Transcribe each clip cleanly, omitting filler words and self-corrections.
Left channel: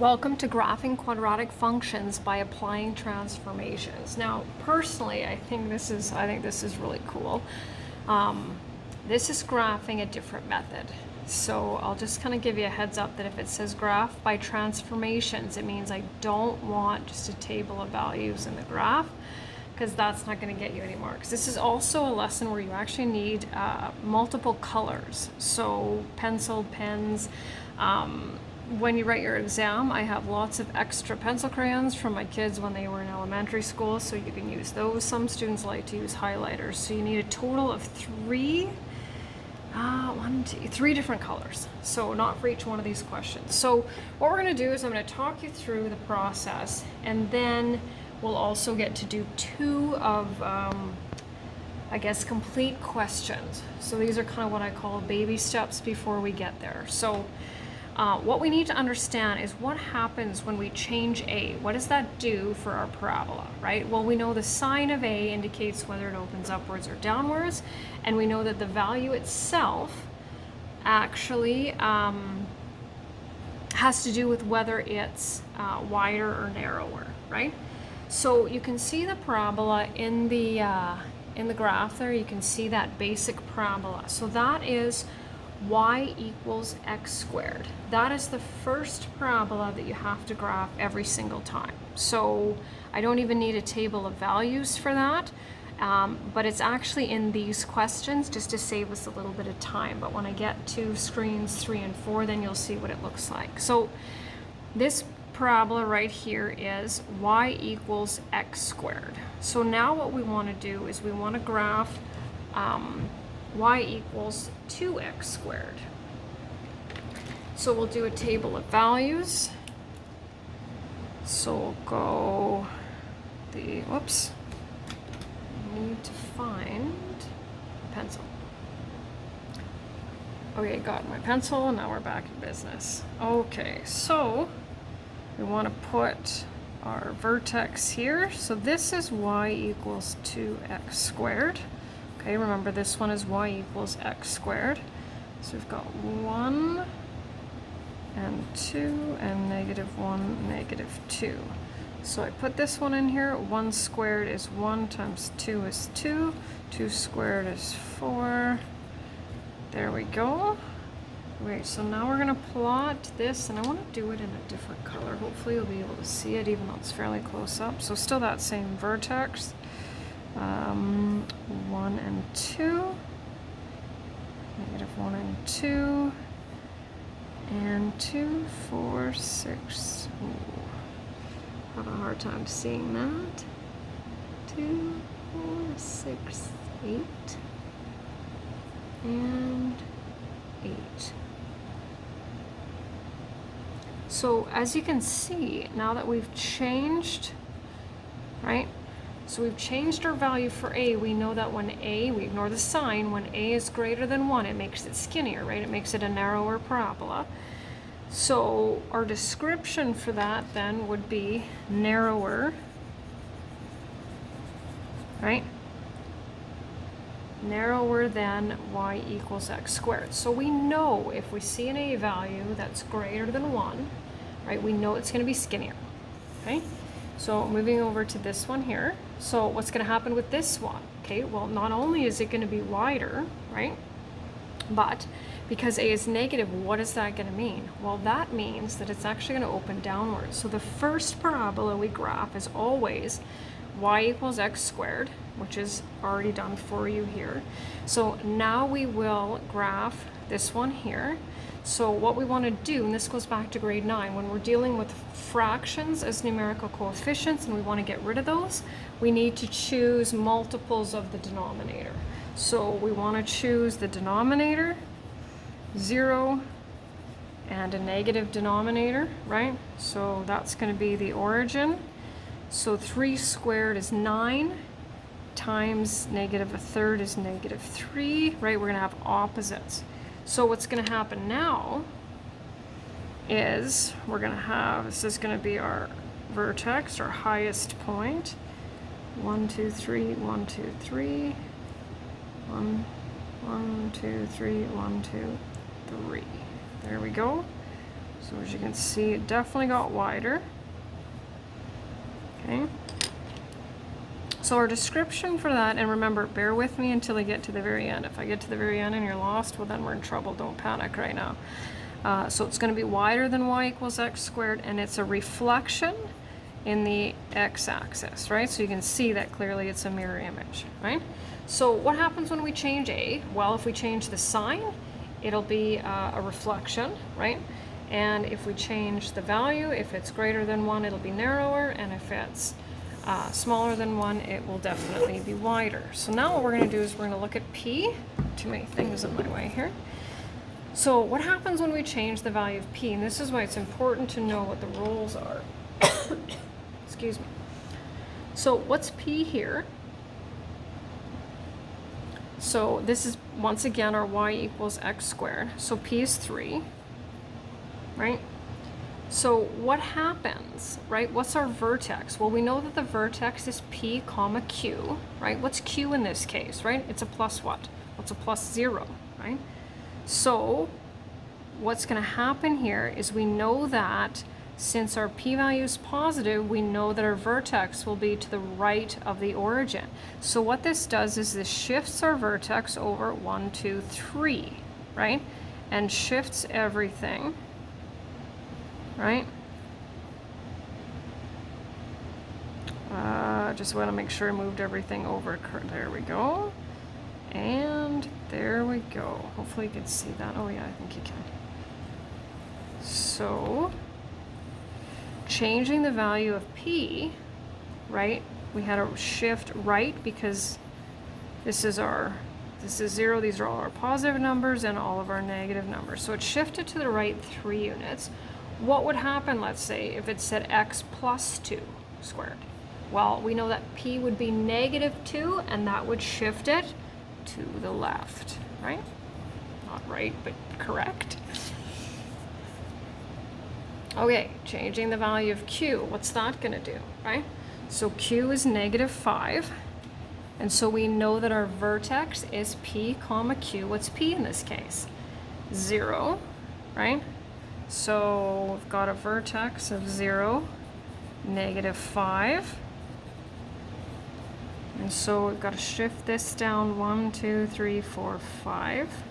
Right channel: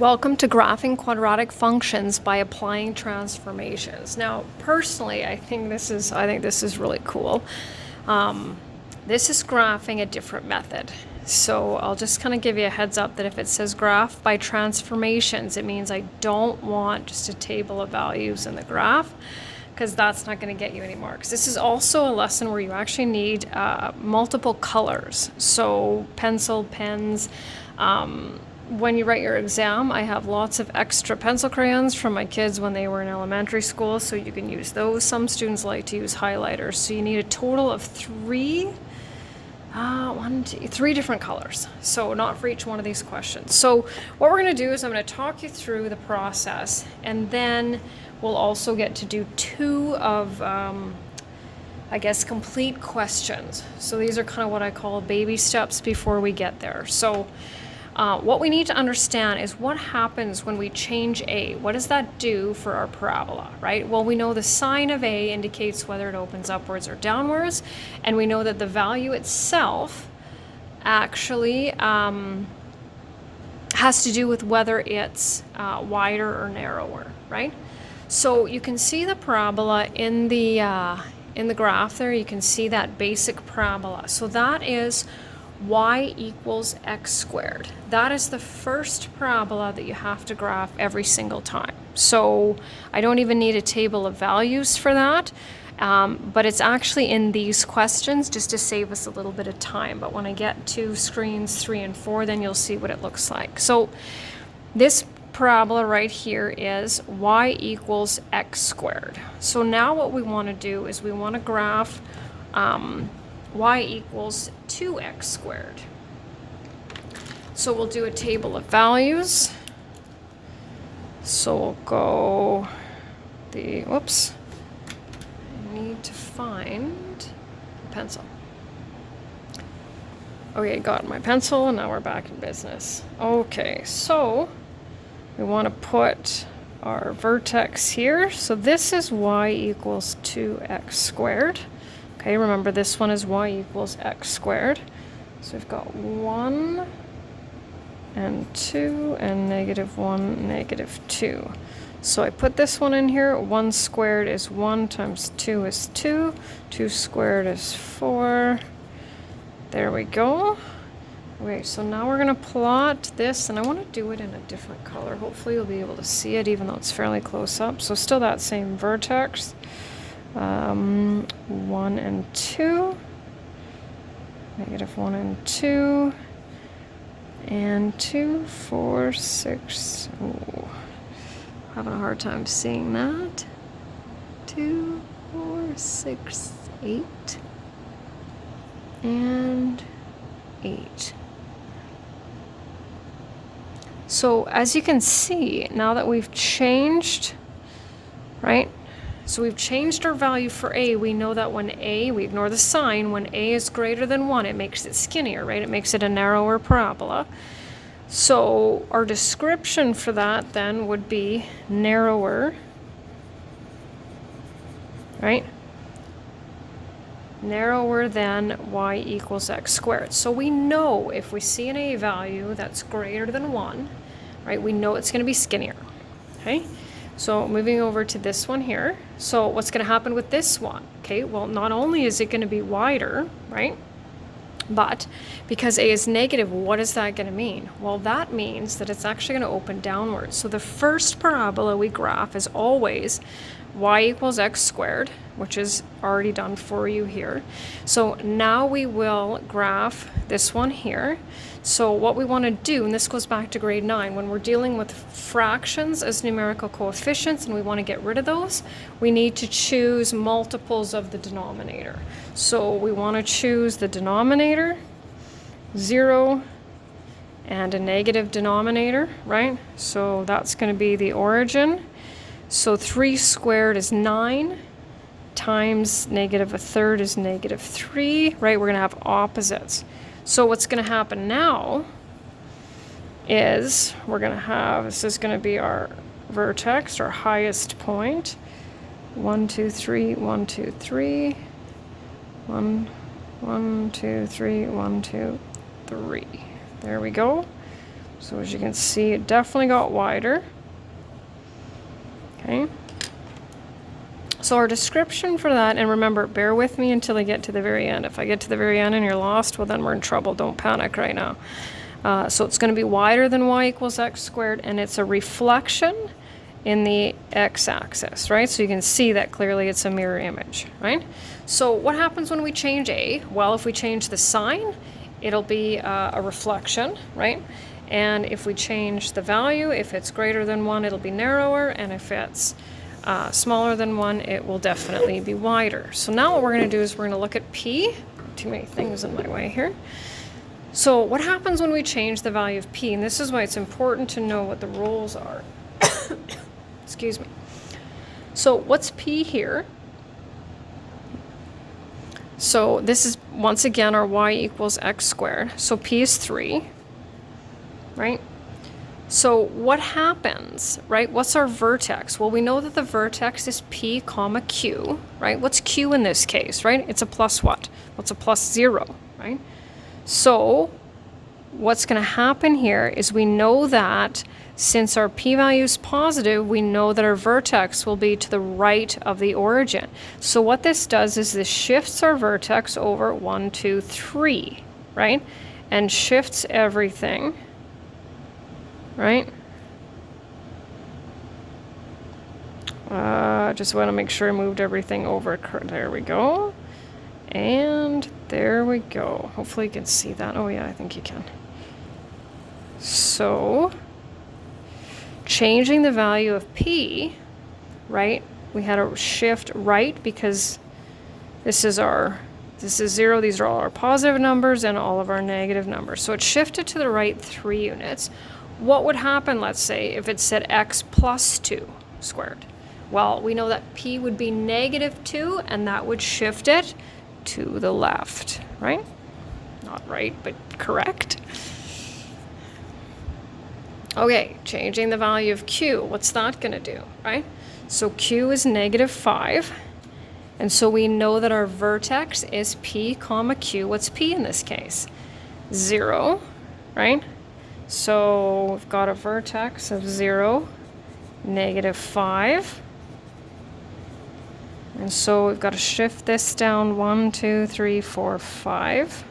Welcome to graphing quadratic functions by applying transformations. Now, personally, I think this is really cool. This is graphing a different method. So I'll just kind of give you a heads up that if it says graph by transformations, it means I don't want just a table of values in the graph, because that's not going to get you anymore. Because this is also a lesson where you actually need multiple colors. So pencil, pens. When you write your exam, I have lots of extra pencil crayons from my kids when they were in elementary school, so you can use those. Some students like to use highlighters, so you need a total of three different colors, so not for each one of these questions. So what we're going to do is I'm going to talk you through the process, and then we'll also get to do two of complete questions. So these are kind of what I call baby steps before we get there. So what we need to understand is what happens when we change A. What does that do for our parabola, right? Well, we know the sign of A indicates whether it opens upwards or downwards, and we know that the value itself actually has to do with whether it's wider or narrower, right? So you can see the parabola in the graph there. You can see that basic parabola. So that is y equals x squared. That is the first parabola that you have to graph every single time. So I don't even need a table of values for that, but it's actually in these questions just to save us a little bit of time. But when I get to screens 3 and 4, then you'll see what it looks like. So this parabola right here is y equals x squared. So now what we want to do is we want to graph y equals 2x squared. So we'll do a table of values. So we'll go I need to find a pencil. Okay, got my pencil, and now we're back in business. Okay, so we want to put our vertex here. So this is y equals 2x squared. Okay, remember this one is y equals x squared. So we've got 1 and 2 and -1, -2. So I put this one in here. 1 squared is 1 times 2 is 2. 2 squared is 4. There we go. Okay, so now we're going to plot this, and I want to do it in a different color. Hopefully you'll be able to see it even though it's fairly close up. So still that same vertex. 1 and 2, -1 and 2, and 2, 4, 6. Ooh, having a hard time seeing that. 2, 4, 6, 8, and 8. So as you can see, now that we've changed, right? So we've changed our value for A. We know that when A, we ignore the sign, when A is greater than 1, it makes it skinnier, right? It makes it a narrower parabola. So our description for that then would be narrower, right? Narrower than y equals x squared. So we know if we see an A value that's greater than 1, right, we know it's going to be skinnier, okay? So moving over to this one here. So what's going to happen with this one? Okay, well, not only is it going to be wider, right? But because A is negative, what is that going to mean? Well, that means that it's actually going to open downwards. So the first parabola we graph is always y equals x squared, which is already done for you here. So now we will graph this one here. So what we want to do, and this goes back to grade 9, when we're dealing with fractions as numerical coefficients and we want to get rid of those, we need to choose multiples of the denominator. So we want to choose the denominator, 0, and a negative denominator, right? So that's going to be the origin. So 3 squared is 9 times -1/3 is -3, right? We're going to have opposites. So what's going to happen now is we're going to have, this is going to be our vertex, our highest point. 1, 2, 3, 1, 2, 3. 1, 1, 2, 3, 1, 2, 3. There we go. So as you can see, it definitely got wider. Okay. So our description for that, and remember, bear with me until I get to the very end. If I get to the very end and you're lost, well then we're in trouble. Don't panic right now. So it's going to be wider than y equals x squared, and it's a reflection in the x-axis, right? So you can see that clearly it's a mirror image, right? So what happens when we change a? Well, if we change the sign, it'll be a reflection, right? And if we change the value, if it's greater than 1, it'll be narrower, and if it's smaller than 1, it will definitely be wider. So now what we're going to do is we're going to look at p. Too many things in my way here. So what happens when we change the value of p? And this is why it's important to know what the rules are. Excuse me. So what's p here? So this is, once again, our y equals x squared. So p is 3, right? So what happens, right? What's our vertex? Well, we know that the vertex is p comma q, right? What's q in this case, right? It's a plus what? Well, it's a plus 0, right? So what's going to happen here is we know that since our p-value is positive, we know that our vertex will be to the right of the origin. So what this does is this shifts our vertex over 1, 2, 3, right? And shifts everything, right? Just want to make sure I moved everything over. There we go. And there we go. Hopefully you can see that. Oh yeah, I think you can. So changing the value of p, right? We had a shift right because this is 0, these are all our positive numbers and all of our negative numbers. So it shifted to the right 3 units. What would happen, let's say, if it said x plus 2 squared? Well, we know that p would be negative 2, and that would shift it to the left, right? Not right, but correct. Okay, changing the value of q, what's that going to do, right? So q is negative 5, and so we know that our vertex is p comma q. What's p in this case? 0, right? So we've got a vertex of 0, negative 5. And so we've got to shift this down 1, 2, 3, 4, 5,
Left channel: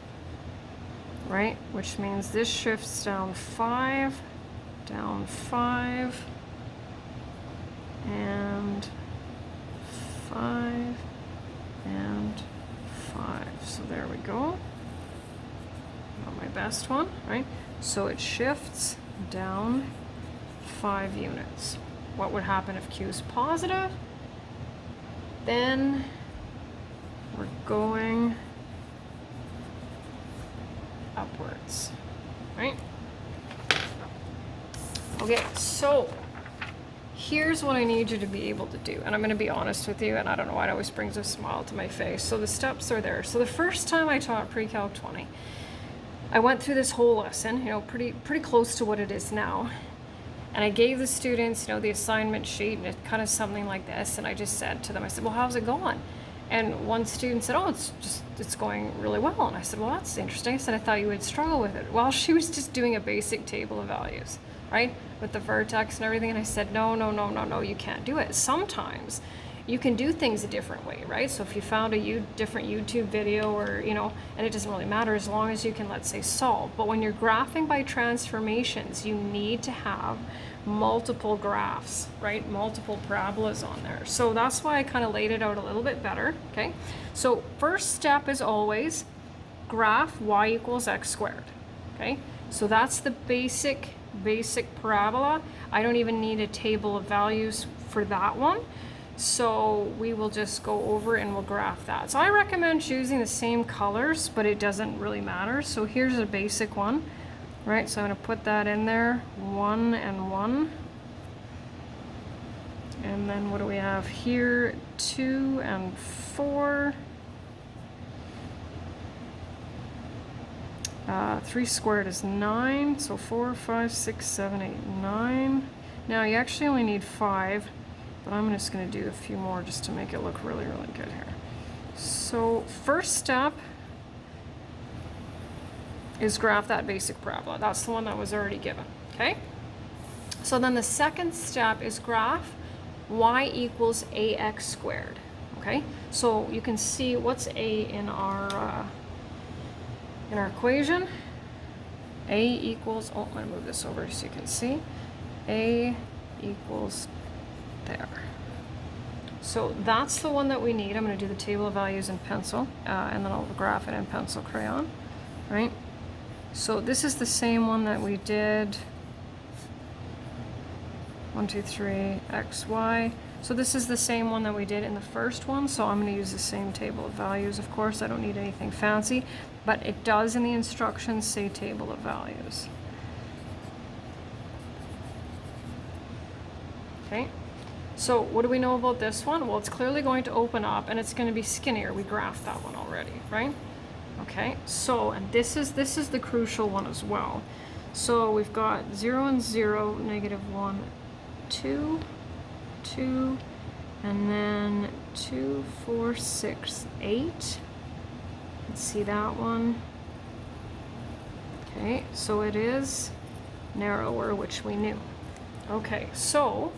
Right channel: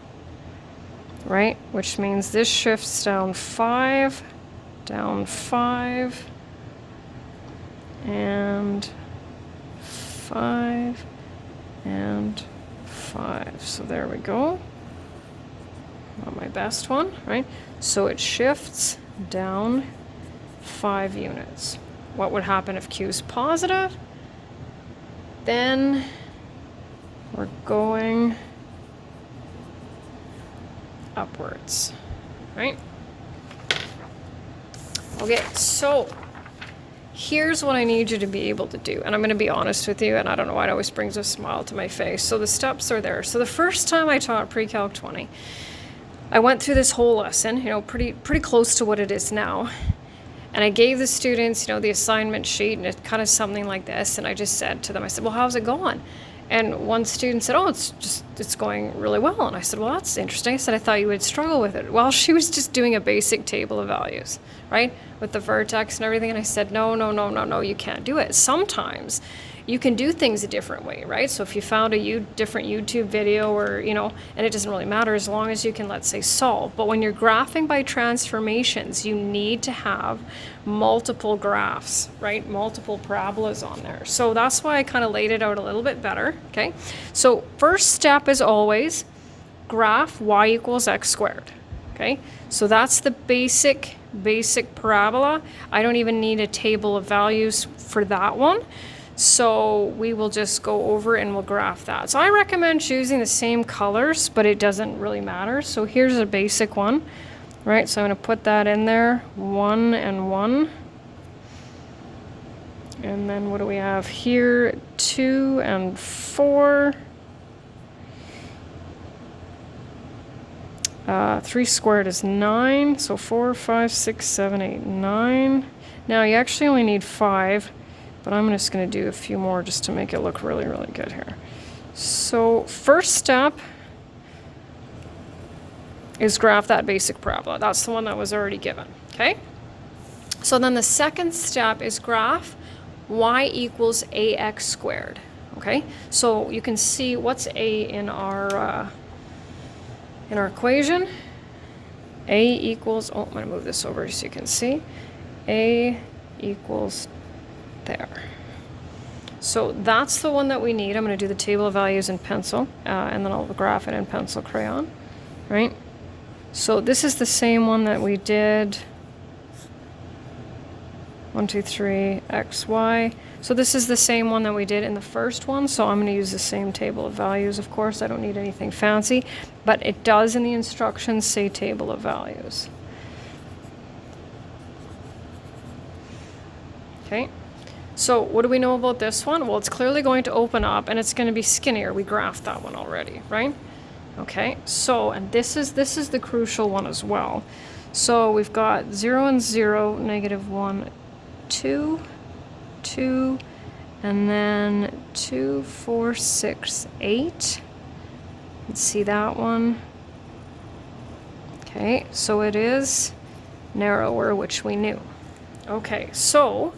right? Which means this shifts down 5, and 5, and 5. So there we go. Not my best one, right? So it shifts down 5 units. What would happen if q is positive? Then we're going upwards, right? Okay, so here's what I need you to be able to do. And I'm going to be honest with you, and I don't know why it always brings a smile to my face. So the steps are there. So the first time I taught Pre-Calc 20, I went through this whole lesson, you know, pretty close to what it is now. And I gave the students, you know, the assignment sheet, and it's kind of something like this. And I just said to them, I said, well, how's it going? And one student said, oh, it's going really well. And I said, well, that's interesting. I said, I thought you would struggle with it. Well, she was just doing a basic table of values, right? With the vertex and everything. And I said, no, you can't do it. Sometimes you can do things a different way, right? So if you found a different YouTube video or, you know, and it doesn't really matter as long as you can, let's say, solve. But when you're graphing by transformations, you need to have multiple graphs, right? Multiple parabolas on there. So that's why I kind of laid it out a little bit better, okay? So first step is always graph y equals x squared, okay? So that's the basic parabola. I don't even need a table of values for that one. So we will just go over and we'll graph that. So I recommend choosing the same colors, but it doesn't really matter. So here's a basic one, right? So I'm going to put that in there, 1 and 1. And then what do we have here? 2 and 4. 3 squared is 9. So 4, 5, 6, 7, 8, 9. Now you actually only need 5. But I'm just going to do a few more just to make it look really, really good here. So first step is graph that basic parabola. That's the one that was already given, okay? So then the second step is graph y equals ax squared, okay? So you can see what's a in our equation. A equals, oh, I'm gonna move this over so you can see. A equals there. So that's the one that we need. I'm gonna do the table of values in pencil, and then I'll graph it in pencil crayon, right? So this is the same one that we did. 1, 2, 3, x, y. So this is the same one that we did in the first one, so I'm going to use the same table of values, of course. I don't need anything fancy, but it does in the instructions say table of values. Okay, so what do we know about this one? Well, it's clearly going to open up and it's going to be skinnier. We graphed that one already, right? Okay, so, and this is the crucial one as well. So we've got 0 and 0, negative 1, 2, 2, and then 2, 4, 6, 8. Let's see that one. Okay, so it is narrower, which we knew. Okay, so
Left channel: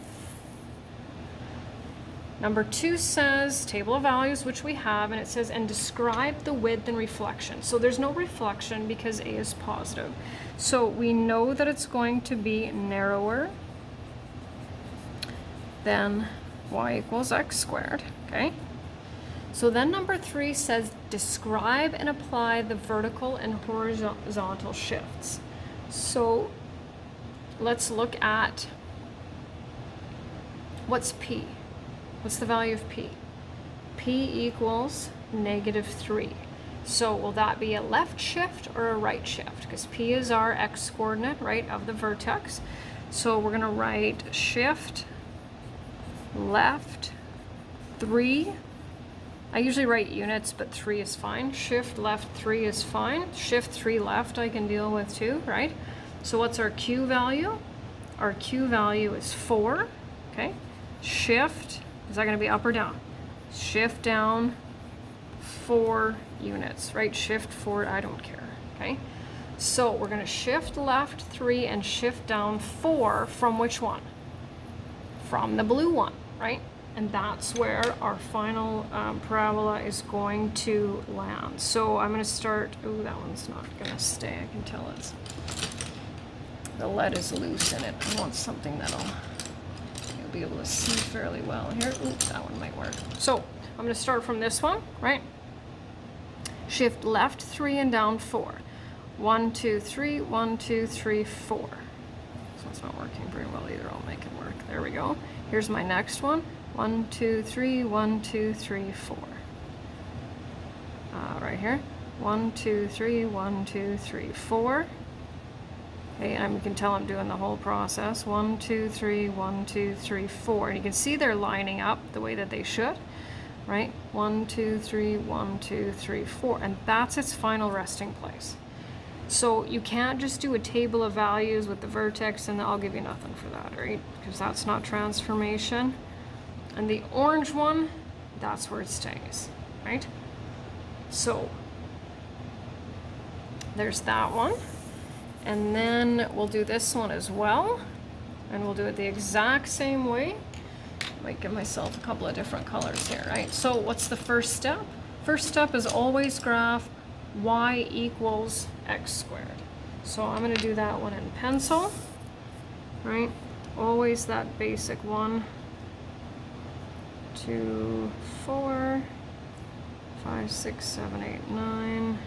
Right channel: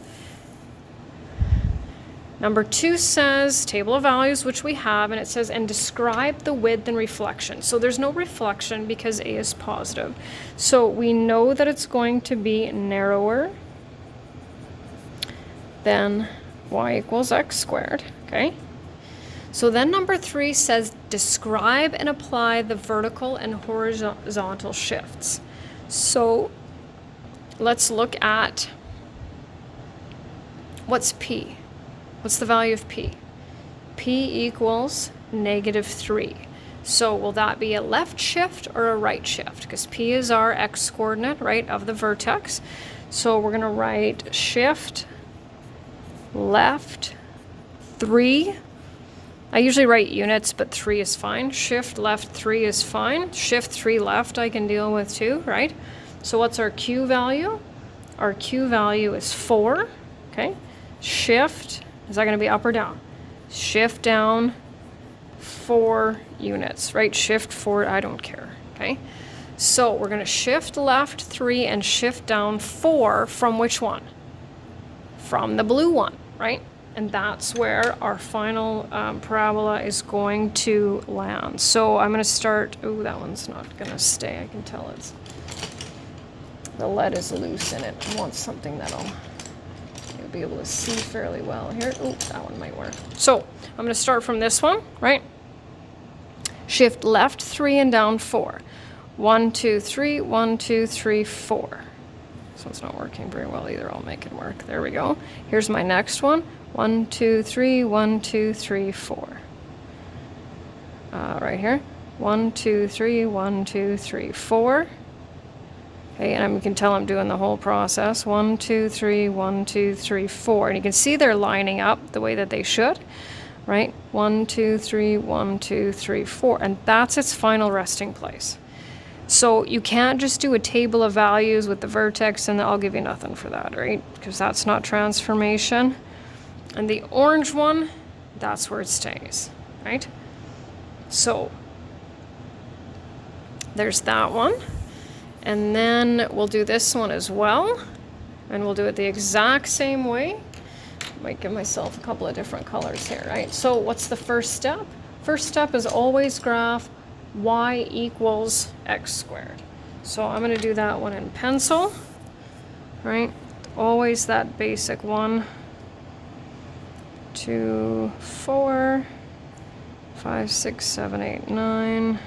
number 2 says table of values, which we have, and it says, and describe the width and reflection. So there's no reflection because A is positive. So we know that it's going to be narrower than y equals x squared, okay? So then number 3 says, describe and apply the vertical and horizontal shifts. So let's look at what's P. What's the value of P? P equals negative 3. So will that be a left shift or a right shift? Because P is our x coordinate, right, of the vertex. So we're going to write shift left 3. I usually write units, but 3 is fine. Shift left 3 is fine. Shift 3 left I can deal with too, right? So what's our Q value? Our Q value is 4, okay? Shift, is that going to be up or down? Shift down 4 units, right? Shift 4, I don't care, okay? So we're going to shift left 3 and shift down 4 from which one? From the blue one, right? And that's where our final parabola is going to land. So I'm going to start, oh, that one's not going to stay. I can tell it's, the lead is loose in it. I want something that'll be able to see fairly well here. Oh, that one might work. So I'm going to start from this one, right? Shift left 3 and down 4. 1, 2, 3, 1, 2, 3, 4. So it's not working very well either. I'll make it work. There we go. Here's my next one. 1, 2, 3, 1, 2, 3, 4. Right here. 1, 2, 3, 1, 2, 3, 4. Okay, and you can tell I'm doing the whole process. 1, 2, 3, 1, 2, 3, 4. And you can see they're lining up the way that they should, right? 1, 2, 3, 1, 2, 3, 4. And that's its final resting place. So you can't just do a table of values with the vertex and I'll give you nothing for that, right? Because that's not transformation. And the orange one, that's where it stays, right? So there's that one. And then we'll do this one as well. And we'll do it the exact same way. Might give myself a couple of different colors here, right? So what's the first step? First step is always graph y equals x squared. So I'm going to do that one in pencil, right? Always that basic 1, 2, 4, 5, 6, 7, 8, 9.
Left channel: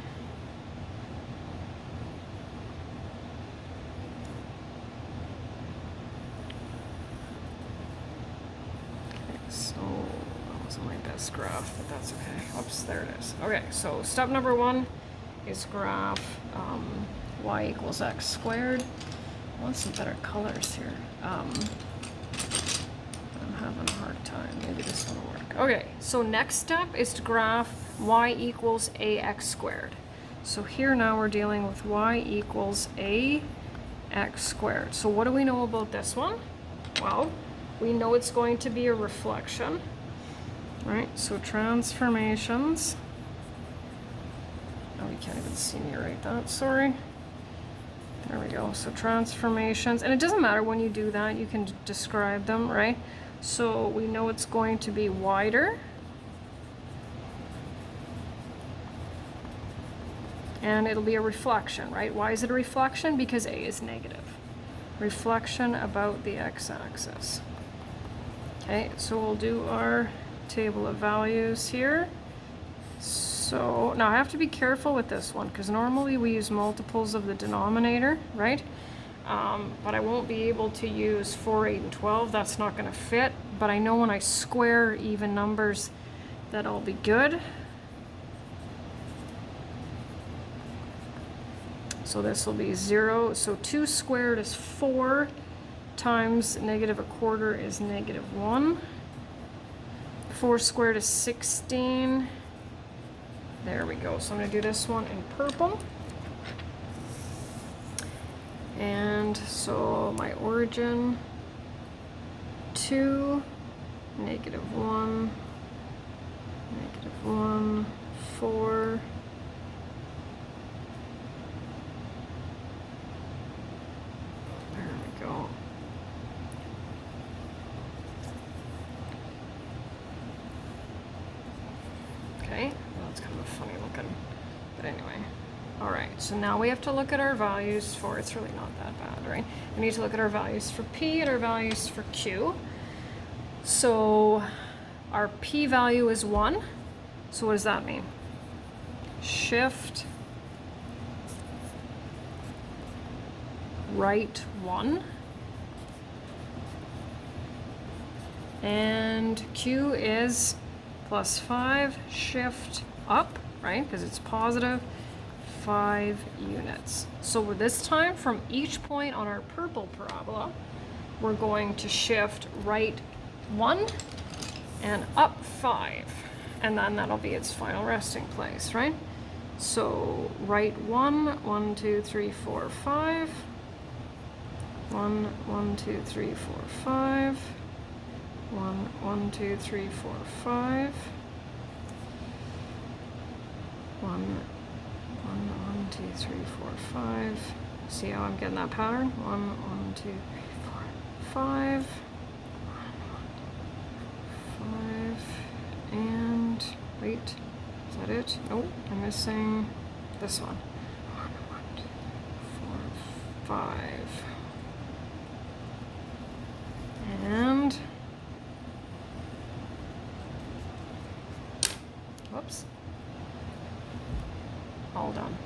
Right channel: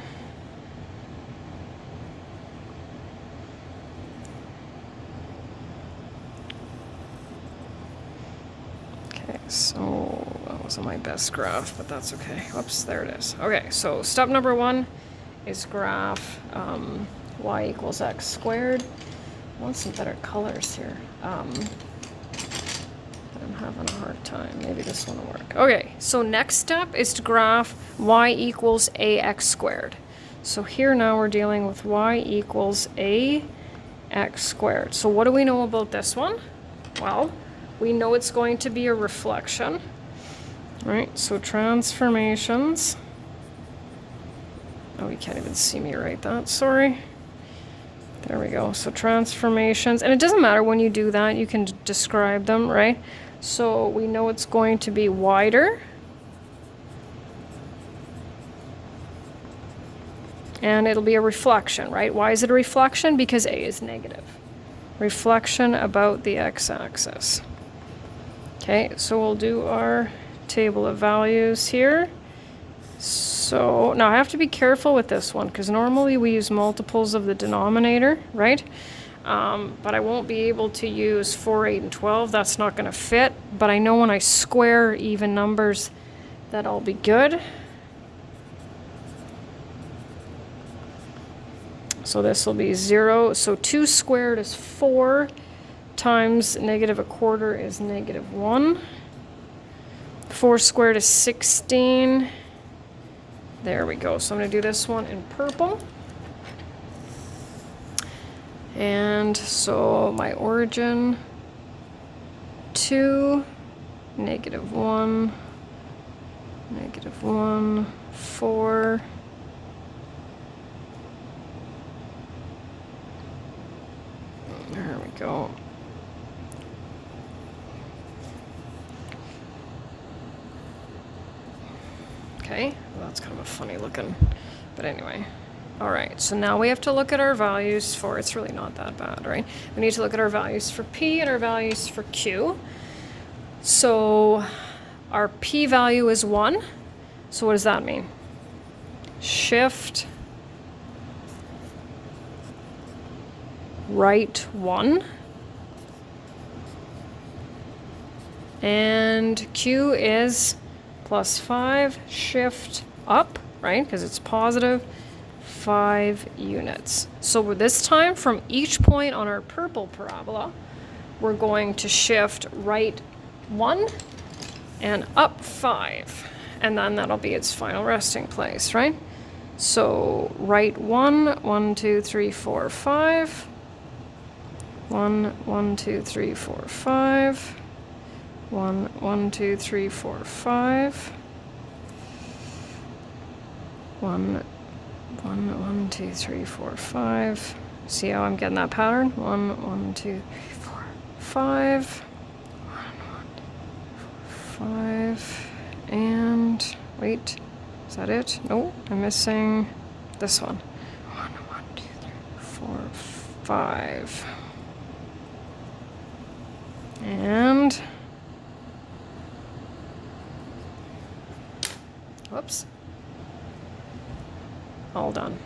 Okay, so that wasn't my best graph, but that's okay. Oops, there it is. Okay, so step number 1 is graph y equals x squared. I want some better colors here. I'm having a hard time. Maybe this one will work. Okay, so next step is to graph y equals ax squared. So here now we're dealing with y equals ax squared. So what do we know about this one? Well, we know it's going to be a reflection, right? So transformations. Oh, you can't even see me write that, sorry. There we go. So transformations, and it doesn't matter when you do that, you can describe them, right? So we know it's going to be wider. And it'll be a reflection, right? Why is it a reflection? Because A is negative. Reflection about the x-axis. Okay, so we'll do our table of values here. So now I have to be careful with this one because normally we use multiples of the denominator, right? But I won't be able to use 4, 8, and 12. That's not going to fit. But I know when I square even numbers, that'll be good. So this will be 0. So 2 squared is 4 times negative a quarter is negative 1. 4 squared is 16. There we go. So I'm going to do this one in purple. And so my origin, 2, negative 1, negative 1, 4. There we go. Okay, well, that's kind of a funny looking, but anyway. All right, so now we have to look at our values for, it's really not that bad, right? We need to look at our values for P and our values for Q. So our P value is 1. So what does that mean? Shift right 1. And Q is +5, shift up, right? Because it's positive 5 units. So this time from each point on our purple parabola, we're going to shift right 1 and up 5. And then that'll be its final resting place, right? So right 1, 1, 2, 3, 4, 5. 1, 1, 2, 3, 4, 5. 1, 1, 2, 3, 4, 5. 1, 1, 2, 3, 4, 5. See how I'm getting that pattern? 1, 1, 2, 3, 4, 5. 1, 1, 5. And wait, is that it? No, I'm missing this one. 1, 1, 2, 3, 4, 5. And whoops. All done.